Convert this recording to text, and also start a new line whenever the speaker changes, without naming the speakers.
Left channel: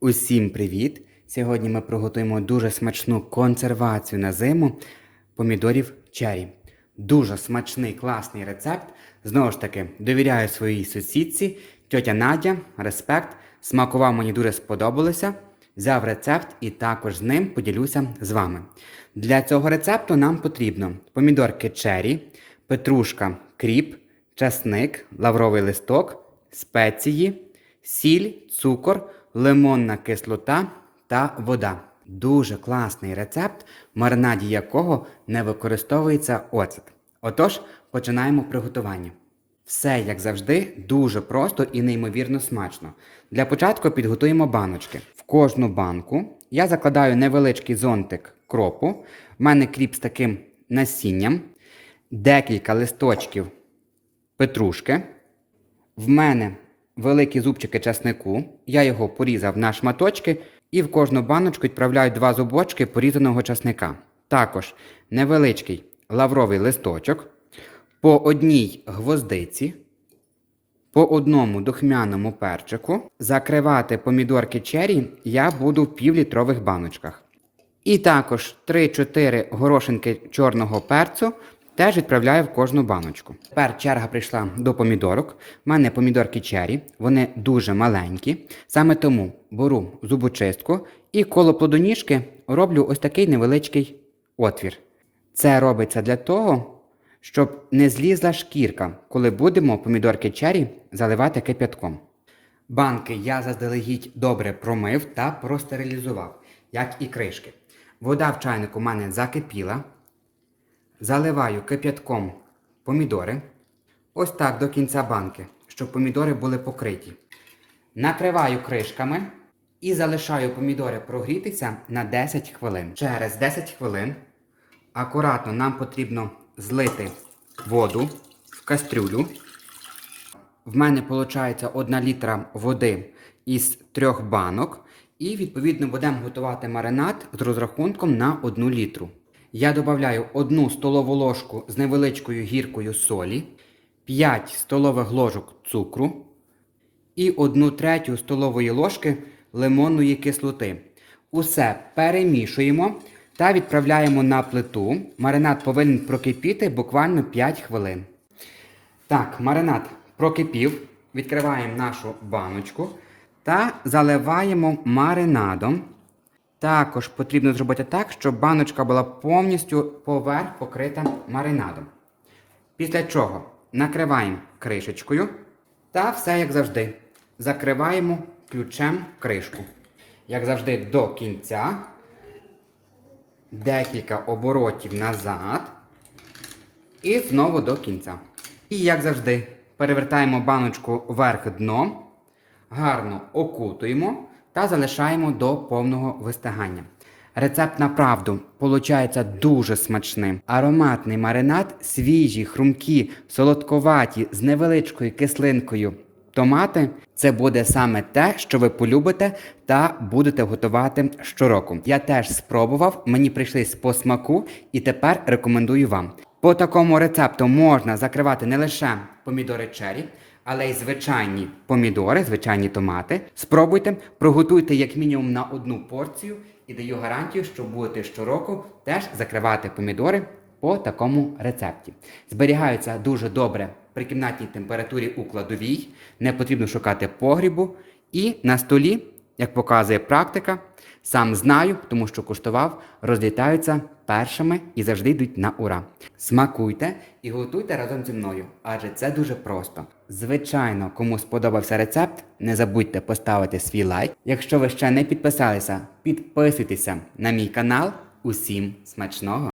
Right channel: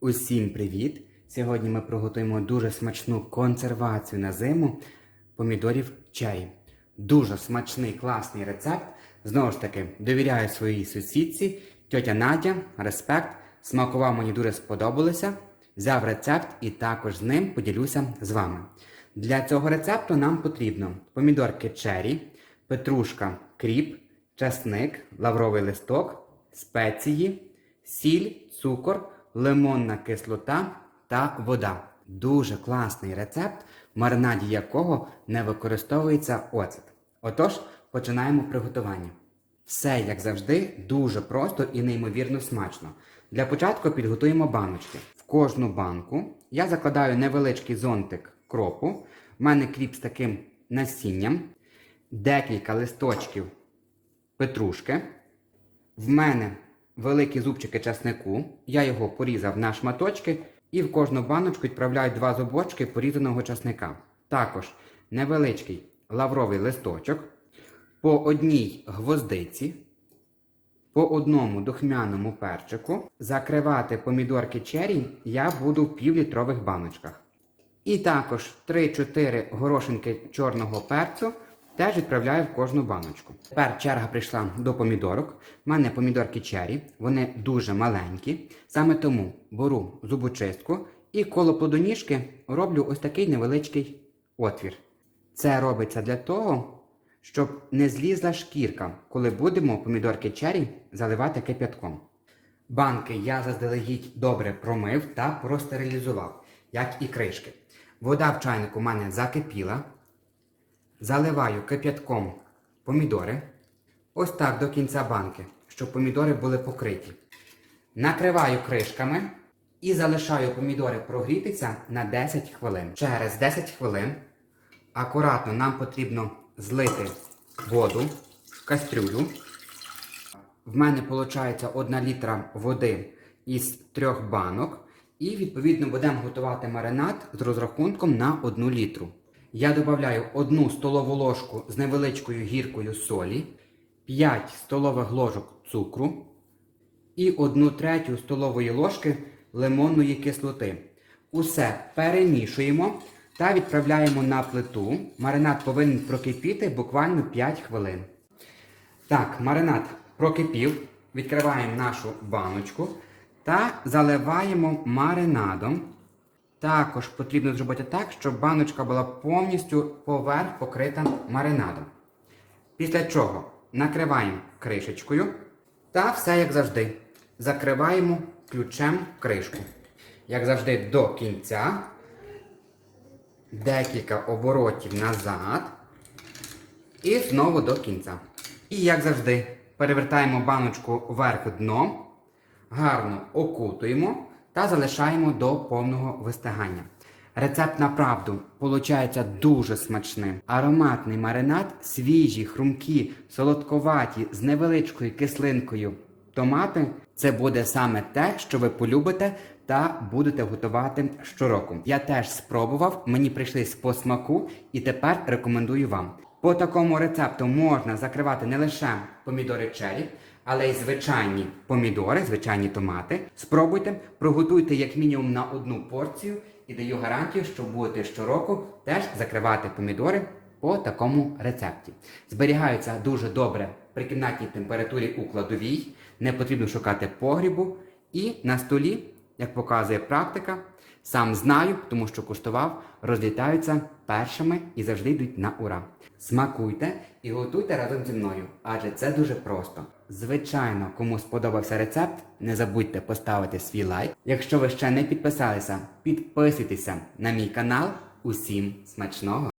Усім привіт! Сьогодні ми приготуємо дуже смачну консервацію на зиму помідорів чері. Дуже смачний, класний рецепт. Знову ж таки, довіряю своїй сусідці, тьотя Надя, респект. Смакував мені дуже сподобалося. Взяв рецепт і також з ним поділюся з вами. Для цього рецепту нам потрібно помідорки чері, петрушка, кріп, часник, лавровий листок, спеції, сіль, цукор, лимонна кислота та вода. Дуже класний рецепт, маринаді якого не використовується оцет. Отож, починаємо приготування. Все, як завжди, дуже просто і неймовірно смачно. Для початку підготуємо баночки. В кожну банку я закладаю невеличкий зонтик кропу. В мене кріп з таким насінням, декілька листочків петрушки. В мене великі зубчики часнику. Я його порізав на шматочки і в кожну баночку відправляю два зубочки порізаного часника. Також невеличкий лавровий листочок, по одній гвоздиці, по одному духмяному перчику. Закривати помідорки чері я буду в півлітрових баночках. І також 3-4 горошинки чорного перцю теж відправляю в кожну баночку. Тепер черга прийшла до помідорок. У мене помідорки чері, вони дуже маленькі. Саме тому беру зубочистку і коло плодоніжки роблю ось такий невеличкий отвір. Це робиться для того, щоб не злізла шкірка, коли будемо помідорки чері заливати кип'ятком. Банки я заздалегідь добре промив та простерилізував, як і кришки. Вода в чайнику у мене закипіла. Заливаю кип'ятком помідори. Ось так до кінця банки, щоб помідори були покриті. Накриваю кришками і залишаю помідори прогрітися на 10 хвилин. Через 10 хвилин акуратно нам потрібно злити воду в кастрюлю. В мене виходить 1 літра води із трьох банок. І відповідно будемо готувати маринад з розрахунком на 1 літру. Я додаю 1 столову ложку з невеличкою гіркою солі, 5 столових ложок цукру і 1 третю столової ложки лимонної кислоти. Усе перемішуємо та відправляємо на плиту. Маринад повинен прокипіти буквально 5 хвилин. Так, маринад прокипів. Відкриваємо нашу баночку та заливаємо маринадом. Також потрібно зробити так, щоб баночка була повністю поверх покрита маринадом. Після чого накриваємо кришечкою та все як завжди. Закриваємо ключем кришку. Як завжди, до кінця. Декілька оборотів назад. І знову до кінця. І як завжди, перевертаємо баночку вверх дном гарно окутуємо та залишаємо до повного вистигання. Рецепт направду виходить дуже смачним. Ароматний маринад, свіжі, хрумкі, солодковаті, з невеличкою кислинкою томати. Це буде саме те, що ви полюбите та будете готувати щороку. Я теж спробував, мені прийшлись по смаку і тепер рекомендую вам. По такому рецепту можна закривати не лише помідори чері, але й звичайні помідори, звичайні томати. Спробуйте, приготуйте як мінімум на одну порцію і даю гарантію, що будете щороку теж закривати помідори по такому рецепті. Зберігаються дуже добре при кімнатній температурі у кладовій, не потрібно шукати погрібу. І на столі, як показує практика, сам знаю, тому що куштував, розлітаються першими і завжди йдуть на ура. Смакуйте і готуйте разом зі мною, адже це дуже просто. Звичайно, кому сподобався рецепт, не забудьте поставити свій лайк. Якщо ви ще не підписалися, підписуйтеся на мій канал. Усім смачного!